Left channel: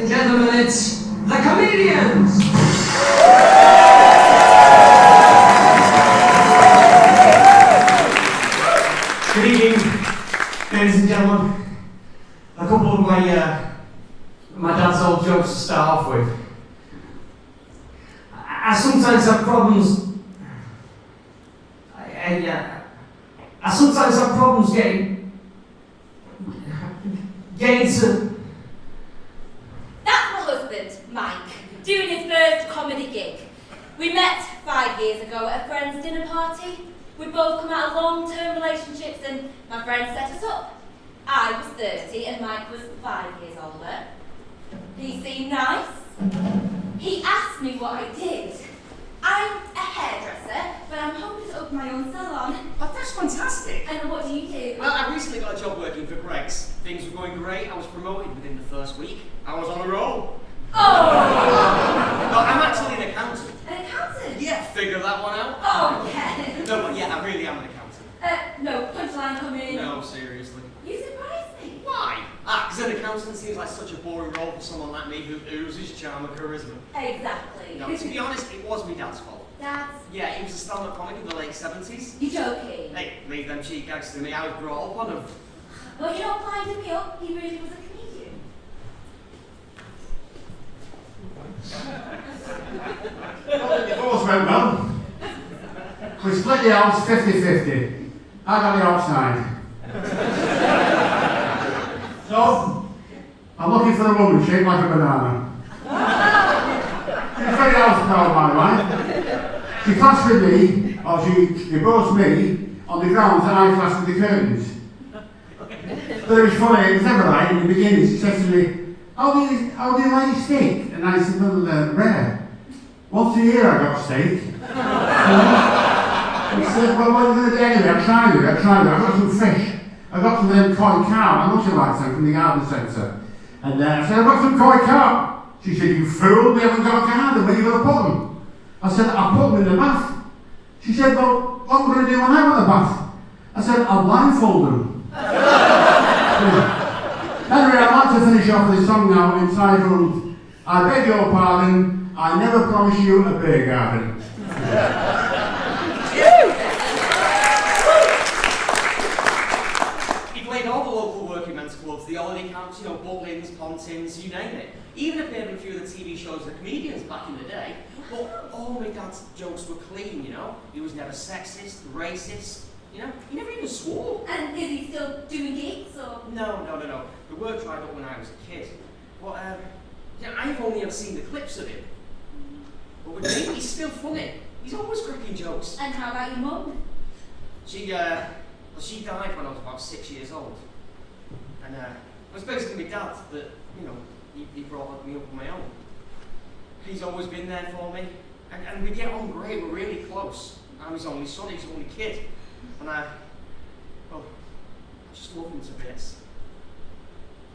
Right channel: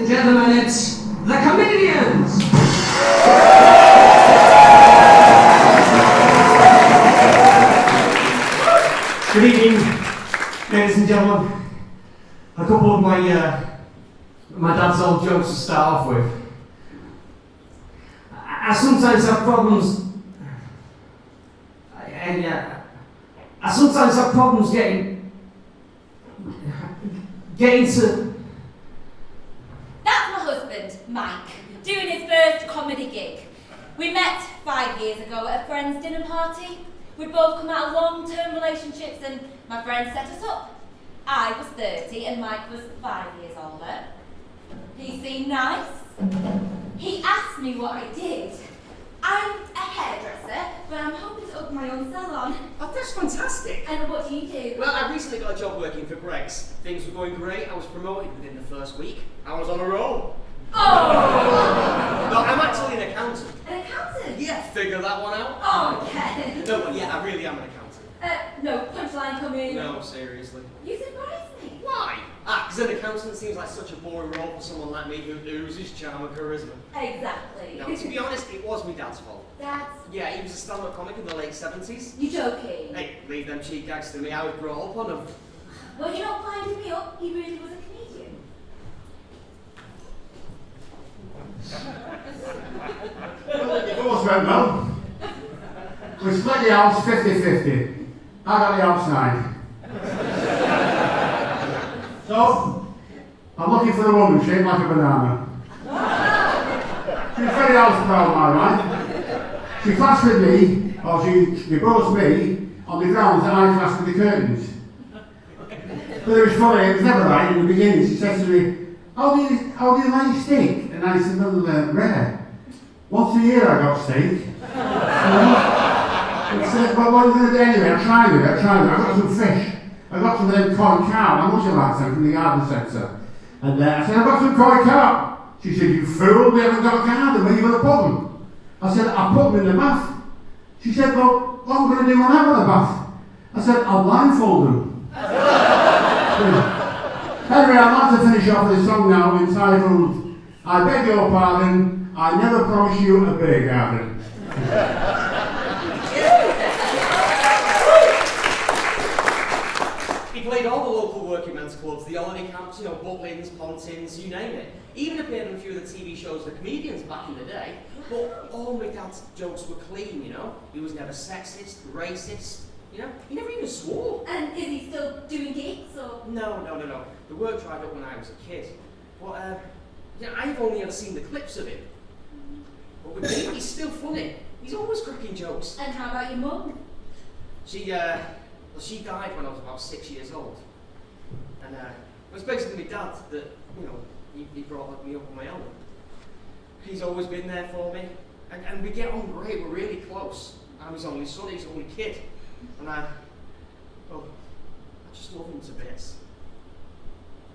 and gentlemen, it's the comedians! Good evening, ladies and gentlemen. A couple of my dad's old jokes to start off with. I sometimes have problems. I sometimes have problems getting to. That's my husband, Mike, doing his first comedy gig. We met 5 years ago at a friend's dinner party. We'd both come out of long-term relationships and my friend set us up. I was 30 and Mike was 5 years older. He seemed nice. He asked me what I did. I'm a hairdresser, but I'm hoping to open my own salon. Oh, that's fantastic. And what do you do? Well, I recently got a job working for Greg's. Things were going great. I was promoted within the first week. I was on a roll. Oh! No, I'm actually an accountant. An accountant? Yeah, figure that one out. Oh, okay. No, but yeah, I really am an accountant. No, punchline coming. No, seriously. You surprised me. Why? Because an accountant seems like such a boring role for someone like me who oozes charm and charisma. Exactly. No, to be honest, it was my dad's fault. Dad's? Yeah, he was a stand-up comic in the late 70s. You joking? Hey, leave them cheek gags to me. I was brought up on them. Well, you're not winding me up. He really was a comedian. Well, the divorce went well. We split the house 50-50. I got the outside. So, I'm looking for a woman shaped like a banana. She's very house proud, my wife. She clashed with me, or she divorced me, on the grounds that I clashed with the curtains. But it was funny, it was never right. In the beginning, she said to me, how do you like steak? And I said, no, they're rare. Once a year I got steak. He said, well, what are you going to do anyway? I tried it. I got some fish. I got some of them koi carp. I must have liked them from the garden centre. And I said, I've got some koi carp. She said, you fool, we haven't got a garden. Where are you going to put them? I said, I'll put them in the bath. She said, well, what am I going to do when I'm in the bath? I said, I'll blindfold them. Anyway, I'd like to finish off with a song now entitled, I beg your pardon, I never promised you a beer garden. He played all the local working men's clubs, the holiday camps, Butlins, Pontins, you name it. Even appeared in a few of the TV shows The Comedians back in the day. But all my dad's jokes were clean, He was never sexist, racist, He never even swore. And is he still doing gigs, or? No. The word dried up when I was a kid. But, I've only ever seen the clips of him. But with me, he's still funny. He's always cracking jokes. And how about your mum? She died when I was about 6 years old. And it was basically my dad that, he brought me up on my own. He's always been there for me. And we get on great, we're really close. I'm his only son, he's his only kid. And I just love him to bits.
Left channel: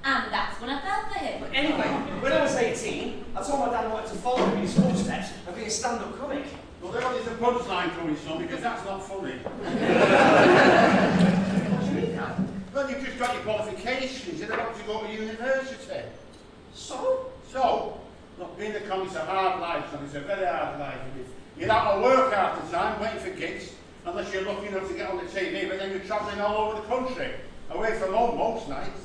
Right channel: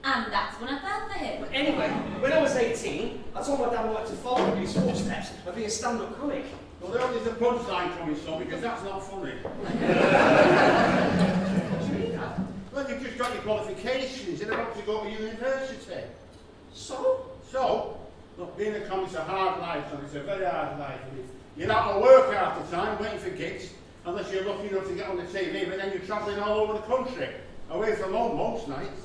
And that's when I fell for him. But anyway, when I was 18, I told my dad I wanted to follow in his footsteps and be a stand-up comic. Well, there is a punchline coming, son, because that's not funny. What do you mean, Dad? Well, you've just got your qualifications, you're about to go to university. So? So, look, being a comic's a hard life, son, it's a very hard life. You're out of work half the time, waiting for gigs, unless you're lucky enough to get on the TV, but then you're travelling all over the country, away from home most nights.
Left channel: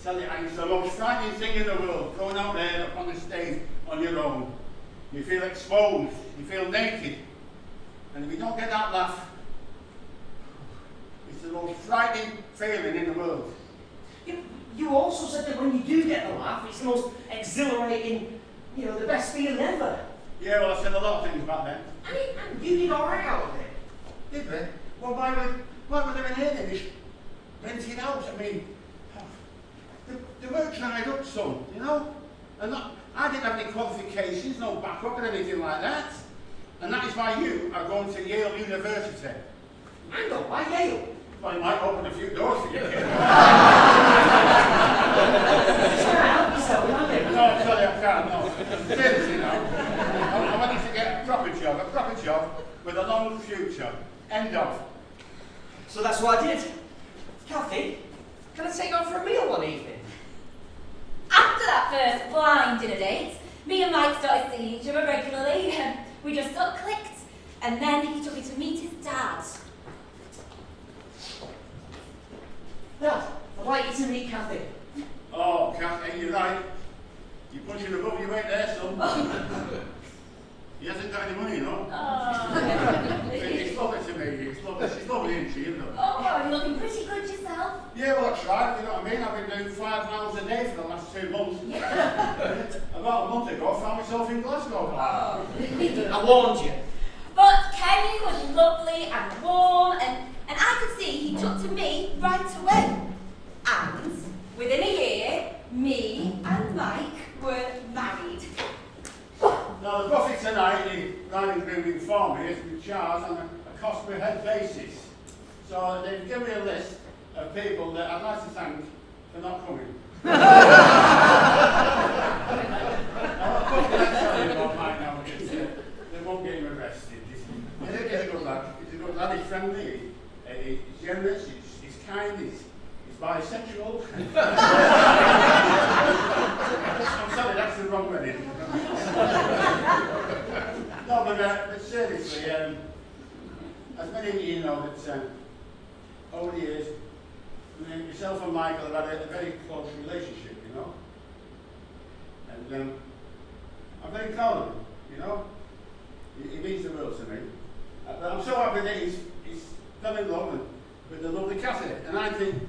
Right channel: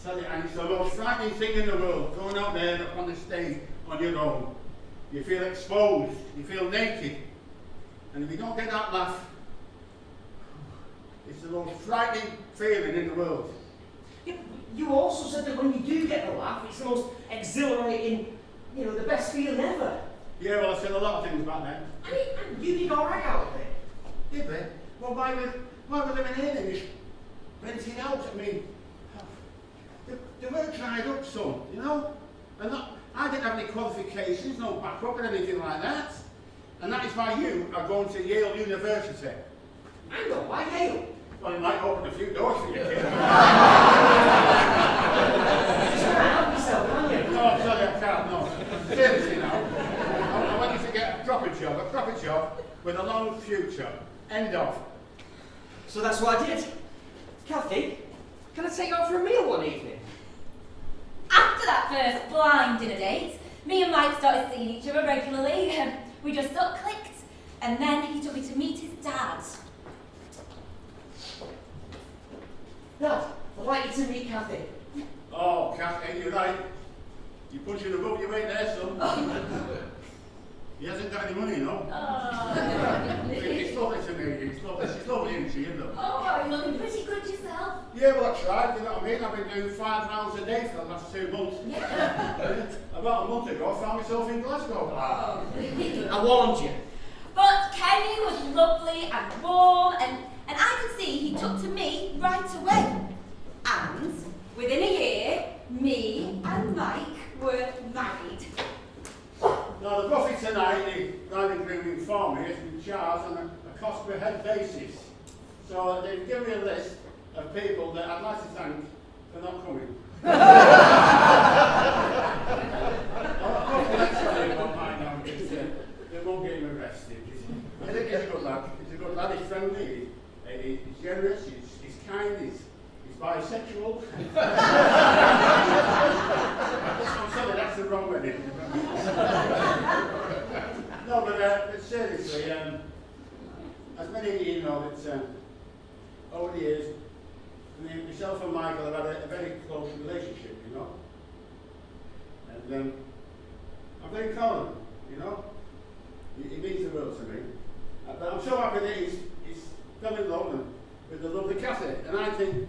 I tell you, it's the most frightening thing in the world, going out there up on the stage on your own. You feel exposed, you feel naked, and if you don't get that laugh, it's the most frightening feeling in the world. You also said that when you do get a laugh, it's the most exhilarating, the best feeling ever. Yeah, well, I said a lot of things about that. I mean, you did alright out there. Did we? Well, why was there an end in this rented out? I mean, the work dried up, son, And I didn't have any qualifications, no backup or anything like that. And that is why you are going to Yale University. I know, why Yale? Well, it might open a few doors for you. No, sorry, I can't, no. Seriously, no. I want you to get a proper job with a long future. End of. So that's what I did. Kathy, can I take you out for a meal one evening? After that first blind Me and Mike started seeing each other regularly. We just sort of clicked. And then he took me to meet his dad. Well, I'd like you to meet Kathy. Oh, Kathy, you're right. You're punching above your weight there, son. He hasn't got any money, you know. It's lovely to meet you. It's lovely. She's lovely, isn't she? Isn't it? Oh, you're looking pretty good yourself. Yeah, well, I tried, you know what I mean? I've been doing 5 miles a day for the last 2 months. Yeah. About a month ago, I found myself in Glasgow. I warned you. But Kenny was lovely and warm, and I could see he took to me right away. And within a year, me and Mike were married. Now, the profit tonight, the bride and groom informed me, has been charged on a cost per head basis. So they've given me a list of people that I'd like to thank for not coming. They won't get him arrested. He's a good lad. He's a good lad. He's friendly. He's generous. He's kind. He's bisexual. I'm sorry, that's the wrong wedding. No, but seriously, as many of you know, that over the years, myself and Michael have had a very close relationship, you know. And I'm very proud of him, you know. He means the world to me. But I'm so happy that he's fell in love with the lovely Kathy. And I think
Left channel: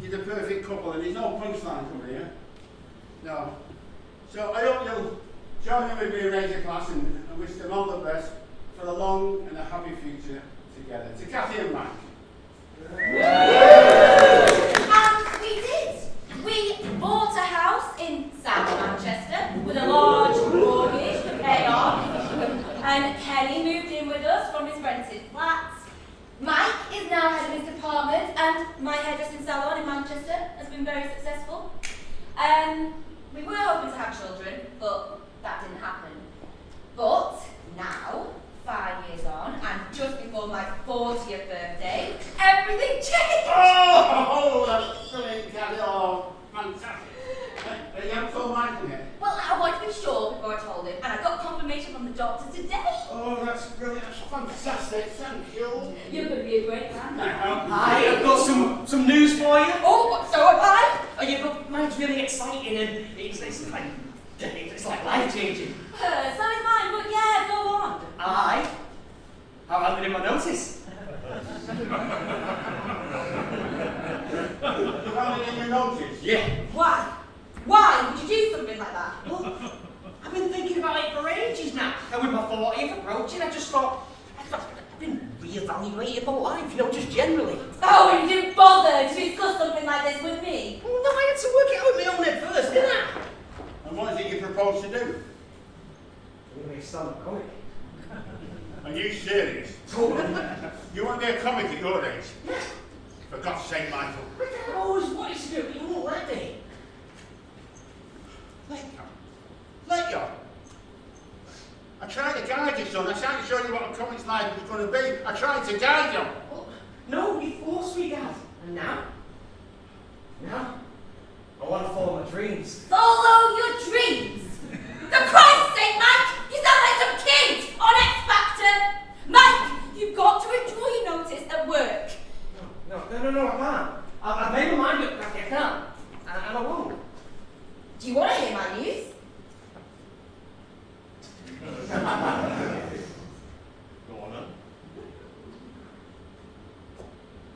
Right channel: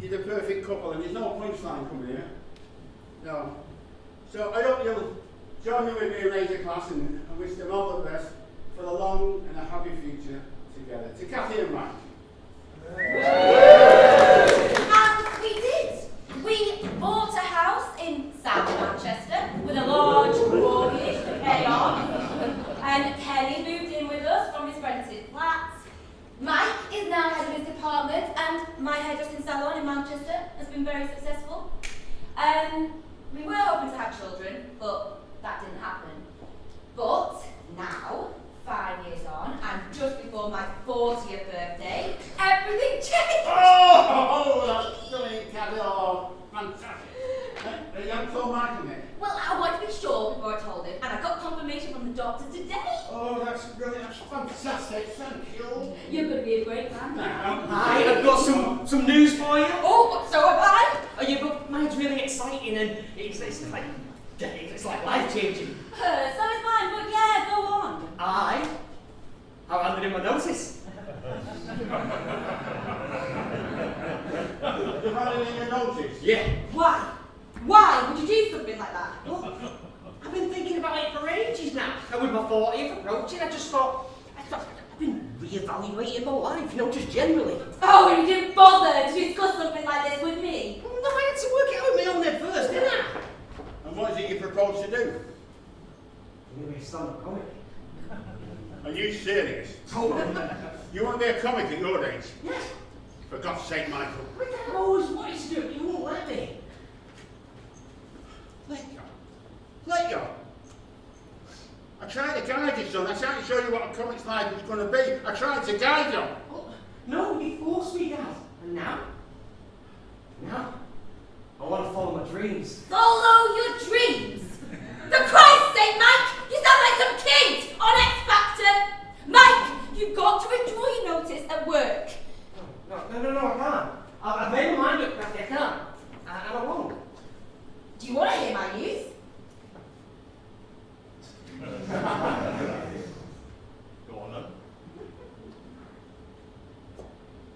he's a perfect couple, and there's no punchline coming here. No. So I hope you'll join me with me in 8 class and wish them all the best for a long and a happy future together. To Kathy and Mike. And we did. We bought a house in South Manchester with a large mortgage to pay off. And Kenny moved in with us from his rented flat. Mike is now head of his department, and my hairdressing salon in Manchester has been very successful. We were hoping to have children, but that didn't happen. But now, 5 years on, and just before my 40th birthday, everything changed. Oh, that's brilliant, Kathy. Oh, fantastic. You haven't told Michael yet? Well, I wanted to be sure before I told him, and I got confirmation from the doctor today. Oh, that's brilliant. That's fantastic. Thank you. You're going to be a great man. Hi, I've got some news for you. Oh, so have I. Oh, yeah, but mine's really exciting, and it's like life-changing. So is mine, but yeah, go on. I've handed in my notice. You handed in your notice? Yeah. Why? Why would you do something like that? Well, I've been thinking about it for ages now. And with my 40th approaching, I I've been reevaluating my life, you know, just generally. Oh, and you didn't bother to discuss something like this with me? Well, no, I had to work it out with my own head first, didn't I? And what is it you propose to do? I'm going to be a stand-up comic. Are you serious? Totally. You want to be a comic at your age? For God's sake, Michael. I've always wanted to do it, but you won't let me. Let you. I tried to guide you, son. I tried to show you what a comic's life was going to be. I tried to guide you. Oh, no, you forced me, Dad. And now? I want to follow my dreams. Follow your dreams? For Christ's sake, Mike! You sound like some kid on X Factor! Mike, you've got to withdraw your notice at work. No, I can't. I've made my mind up, Becky, I can't. And I won't. Do you want to hear my news? Go on, then.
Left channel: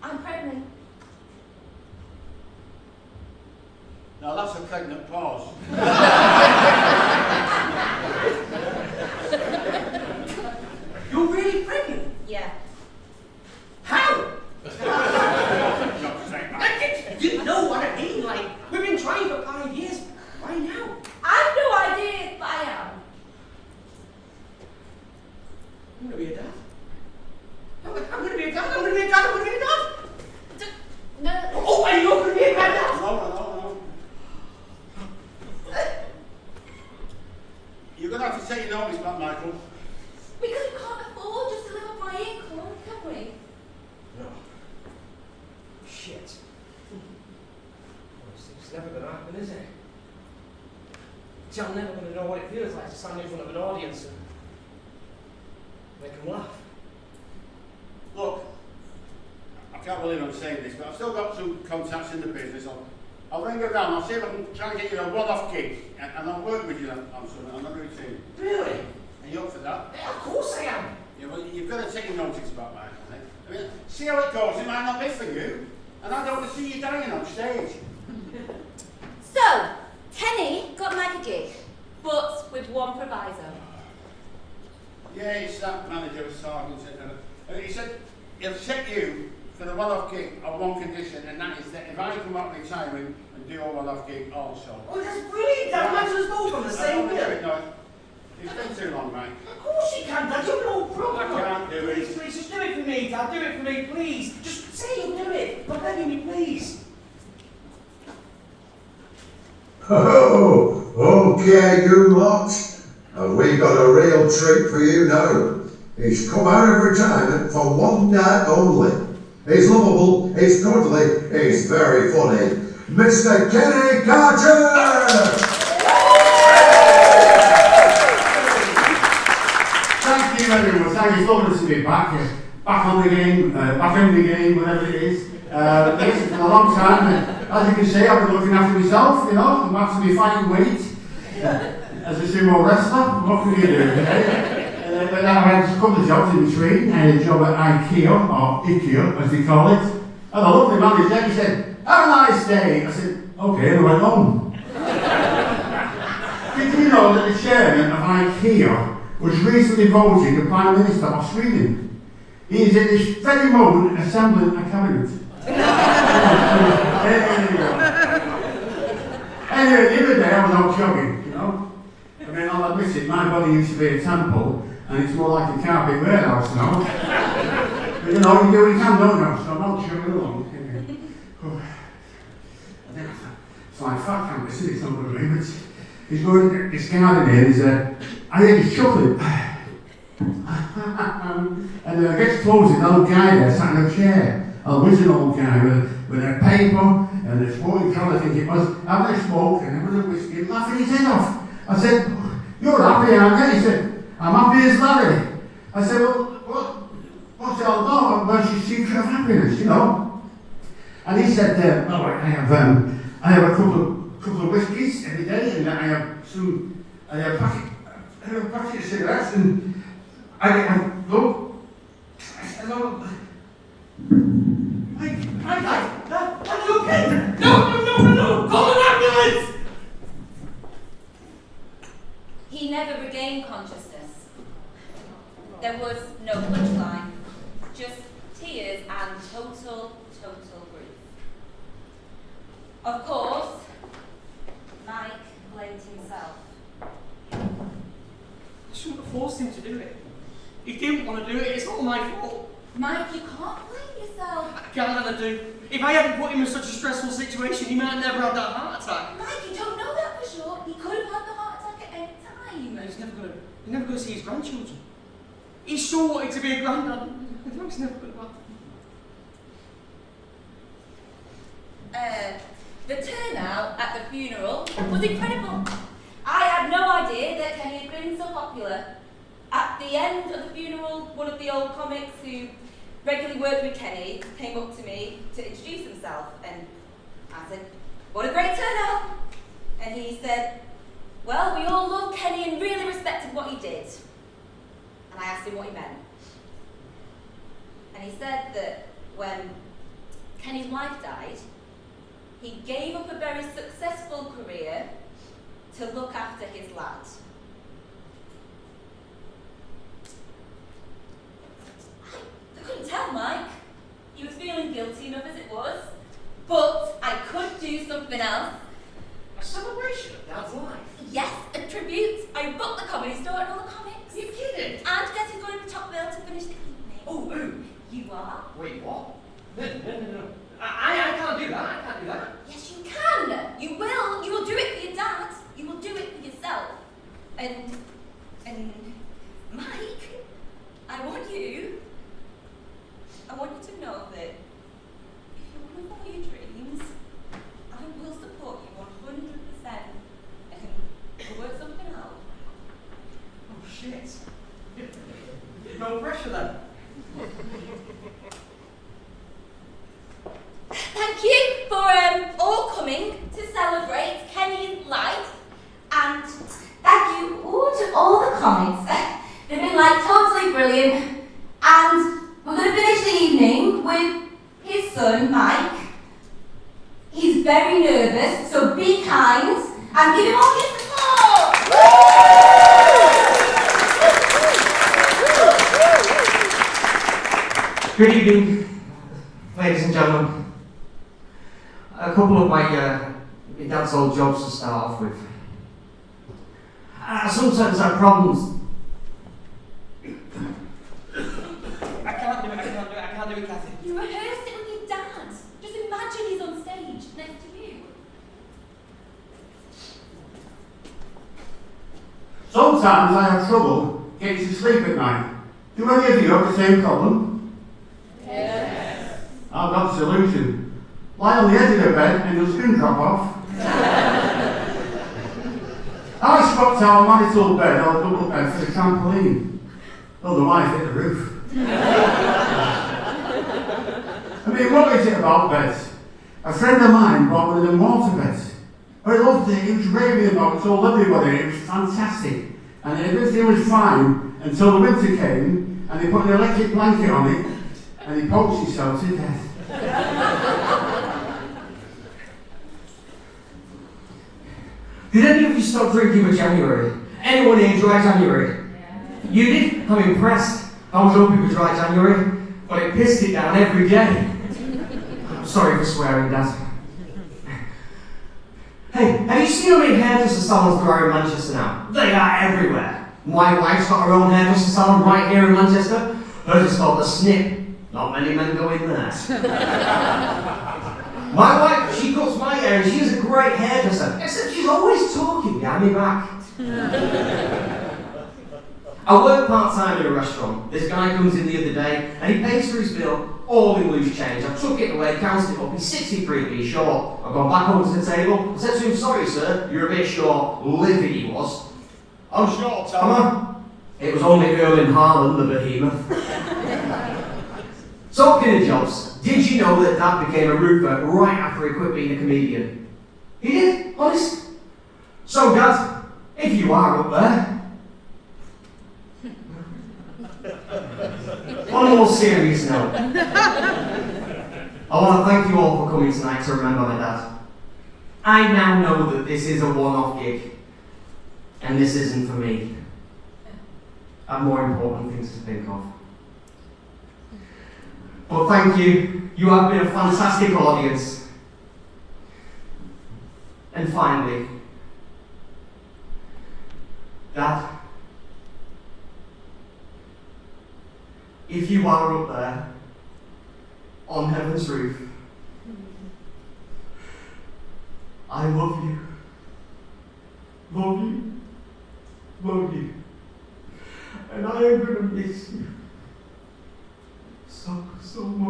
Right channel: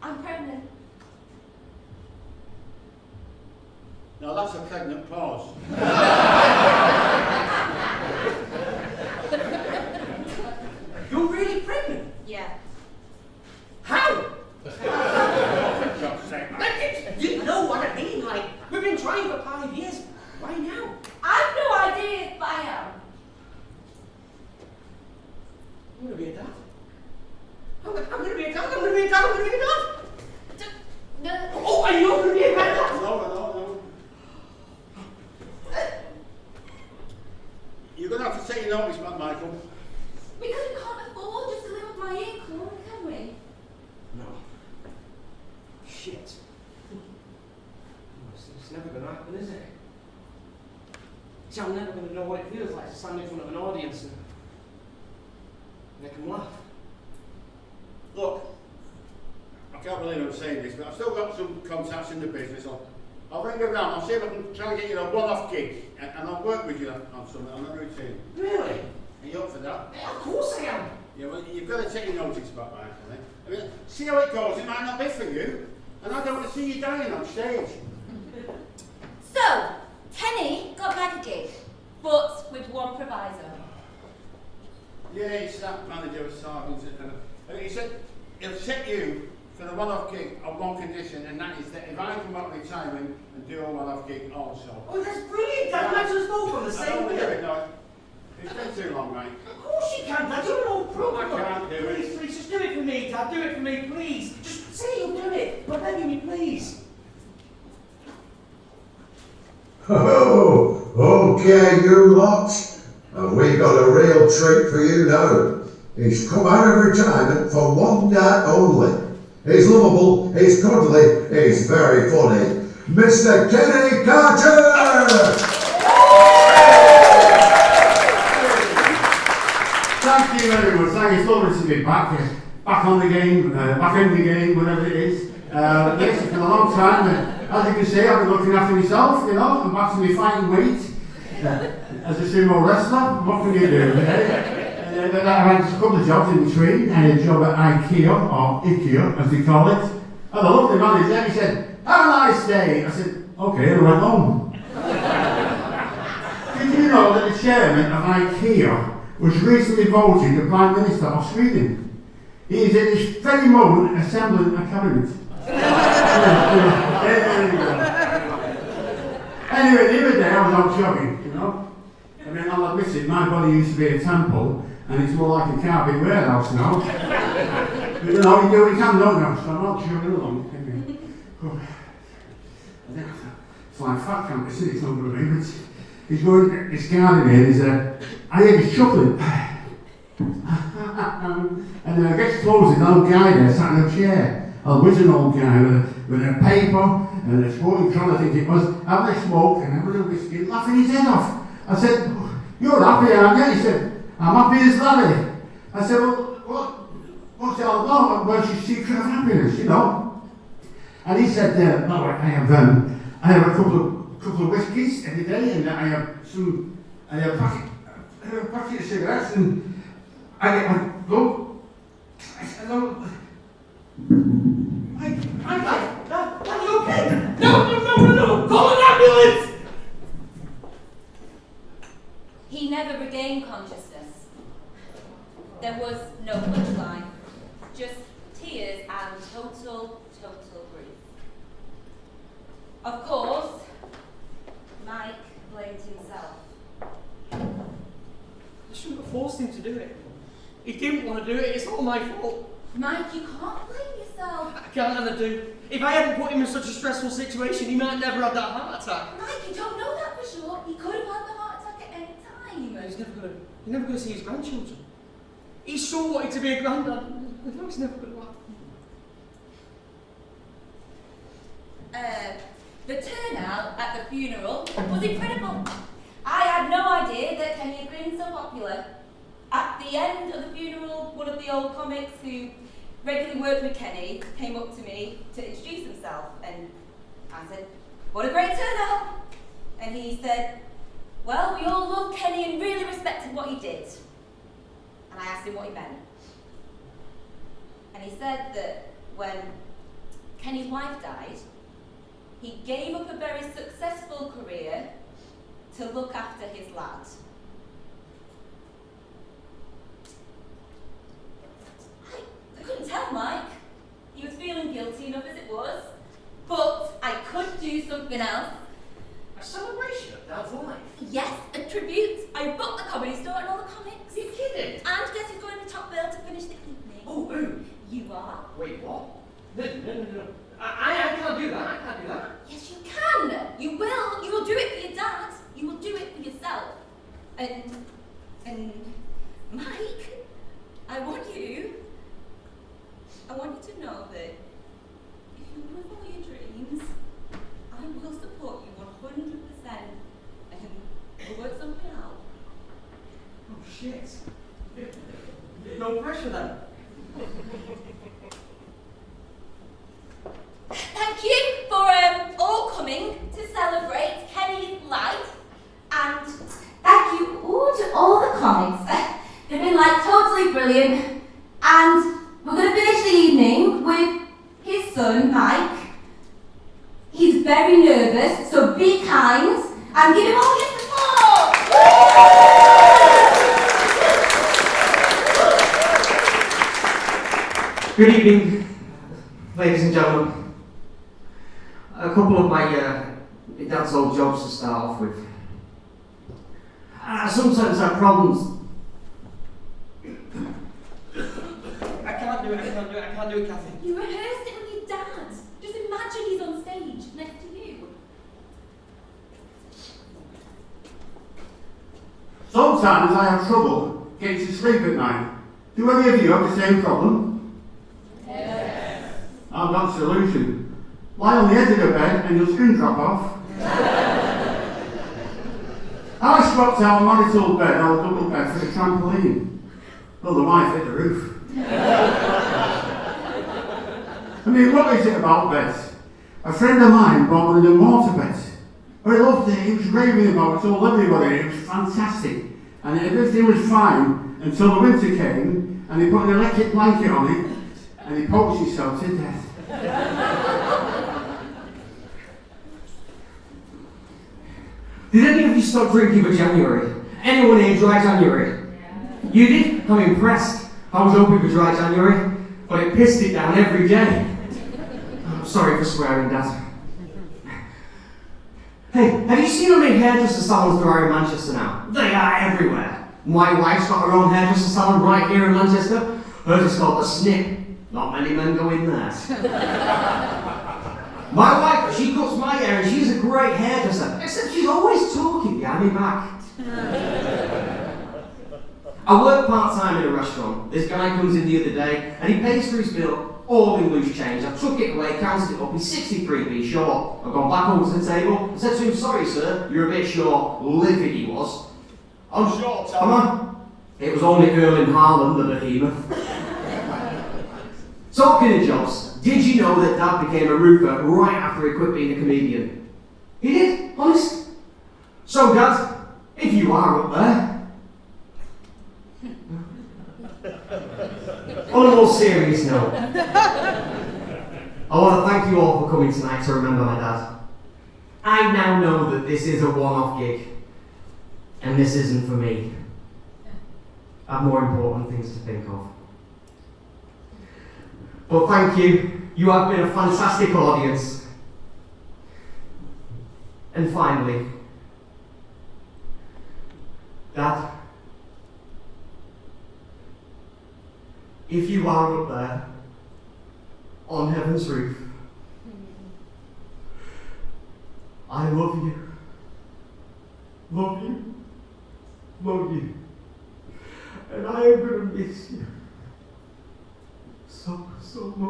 I'm pregnant. Now that's a pregnant pause. You're really pregnant? Yeah. How? For God's sake, man. You know what I mean? Like, we've been trying for 5 years. Why now? I've no idea, but I am. I'm going to be a dad. I'm going to be a dad. I'm going to be a dad. I'm going to be a dad. No. Oh, and you're going to be a dad. No. You're going to have to take your notice back, Michael. Because we can't afford just to live off my income, can we? No. Shit. Well, it's never going to happen, is it? See, I'm never going to know what it feels like to stand in front of an audience and make them laugh. Look, I can't believe I'm saying this, but I've still got some contacts in the business. I'll ring around, I'll see if I can try and get you a one-off gig, and I'll work with you on something, on the routine. Really? Are you up for that? Yeah, of course I am. Yeah, well, you've got to take your notice about that, I think. I mean, see how it goes, it might not be for you, and I don't want to see you dying on stage. So, Kenny got Mike a gig, but with one proviso. Yeah, it's that manager of Sargent, and he said he'll set you for the one-off gig on one condition, and that is that if I come out retiring and do a one-off gig also. Oh, that's brilliant, Dad. Let's us both on the I same don't want to do bill. it, no. It's been too long, mate. Of course you can, Dad. You're no problem. I can't do it. Please, please, just do it for me, Dad. Do it for me, please. Just say you'll do it. I'm begging you, please. Oh, okay, you lot. And we got a real treat for you now. He's come out of retirement for one night only. He's lovable, he's cuddly, he's very funny. Mr. Kenny Carter! Thank you everyone, thank you, it's lovely to be back on the game, back in the game, whatever it is. Yes, it's been a long time, and as you can see, I've been looking after myself, you know, I'm back to my fighting weight. As a sumo wrestler, what can you do? And I had a couple of jobs in between. I had a job at IKEA, or IKEA as they call it. And the lovely manager, he said, "Have a nice day." I said, "Okay," and I went home. Did you know that the chairman of IKEA was recently voted the Prime Minister of Sweden? He is in this very moment assembling a cabinet. Anyway, the other day I was out jogging, you know. I mean, I'll admit it, my body used to be a temple, and it's more like a carpet warehouse now. But you know, you do what you can, don't you? So I'm out jogging along. It's like fat camp, isn't it? It's not going to be, but he's going, he's getting in, he's I hear he's chuckling. And I gets close, an old guy there sat in a chair. A wizard old guy with a paper and a smoking colour, I think it was, having a smoke and having a whiskey, laughing his head off. I said, "You're happy, aren't you?" He said, "I'm happy as Larry." I said, "Well, what's it all about? What's your secret of happiness, you know?" And he said, "Oh, I have a couple of whiskies every day, and I have a packet of cigarettes, and I look, Mike, are you okay? No, call an ambulance! He never regained consciousness. There was no punchline, just tears and total grief. Of course, Mike blamed himself. I shouldn't have forced him to do it. He didn't want to do it, it's all my fault. Mike, you can't blame yourself. I can't ever do. If I hadn't put him in such a stressful situation, he might never have that heart attack. Mike, you don't know that for sure. He could have had the heart attack at any time. He's never gonna see his grandchildren. He sure wanted to be a granddad. I know he's never gonna happen. The turnout at the funeral was incredible. I had no idea that Kenny had been so popular. At the end of the funeral, one of the old comics who regularly worked with Kenny came up to me to introduce himself, and I said, "What a great turnout!" And he said, "Well, we all loved Kenny and really respected what he did." And I asked him what he meant. And he said that when Kenny's wife died, he gave up a very successful career to look after his lad. I couldn't tell Mike. He was feeling guilty enough as it was. But I could do something else. A celebration of Dad's life? Yes, a tribute. I booked the comedy store and all the comics. Are you kidding? And guess who's going to the top bill to finish the evening? Oh, who? You are. Wait, what? No. I can't do that. I can't do that. Yes, you can. You will. You will do it for your dad. You will do it for yourself. And Mike, I want you to know that if you want to follow your dreams, I will support you 100%. And the something to celebrate Kenny's life. And thank you all to all the comics. They've been like totally brilliant. And we're going to finish the evening with his son, Mike. He's very nervous, so be kind and give him all your support. Good evening, ladies and gentlemen. A couple of my dad's old jobs to start off with. I sometimes have problems. I can't do it, Kathy. You rehearsed it with your dad. Just imagine he's on stage next to you. Sometimes I have trouble getting to sleep at night. Do any of you have the same problem? Yes. I've got a solution. Lie on the edge of the bed and your skin drop off. I swapped our marital bed, our double bed, for a trampoline. Well, the wife hit the roof. I mean, what is it about beds? A friend of mine bought one of them water beds. I loved it, he was raving about it, told everybody, it was fantastic. And everything was fine until the winter came and he put an electric blanket on it and he poked himself to death. Did any of you stop drinking for January? Anyone here dry January? Yeah. You did? I'm impressed. I was hoping for dry January, but it pissed it down every day. I'm sorry for swearing, Dad. Hey, have you seen how many hairdresser salons there are in Manchester now? They are everywhere. My wife's got her own hairdresser salon right here in Manchester. Hers is called the Snip. Not many men go in there. My wife, she cuts my hair and she's a great hairdresser, except she's always talking behind my back. I work part-time in a restaurant. This guy comes in the other day and he pays for his bill, all in loose change. I took it away, counted it up, he's 63p short. I've gone back over to the table. I said to him, sorry sir, you're a bit short. Livid he was. I'm short, am I? It was only Erling Haaland, the behemoth. Talking of jobs, did you know that Dad became a roofer right after he quit being a comedian? He did, honest. So Dad, if you are up there, on a more serious note, I want to thank you all for coming tonight to remember my dad. I now know that this is a one-off gig, and this isn't for me. I have more important things to think of. But thank you. You have been a fantastic audience. And finally, Dad, if you are up there on heaven's roof, I love you. Love you. Love you. And I am going to miss you so much.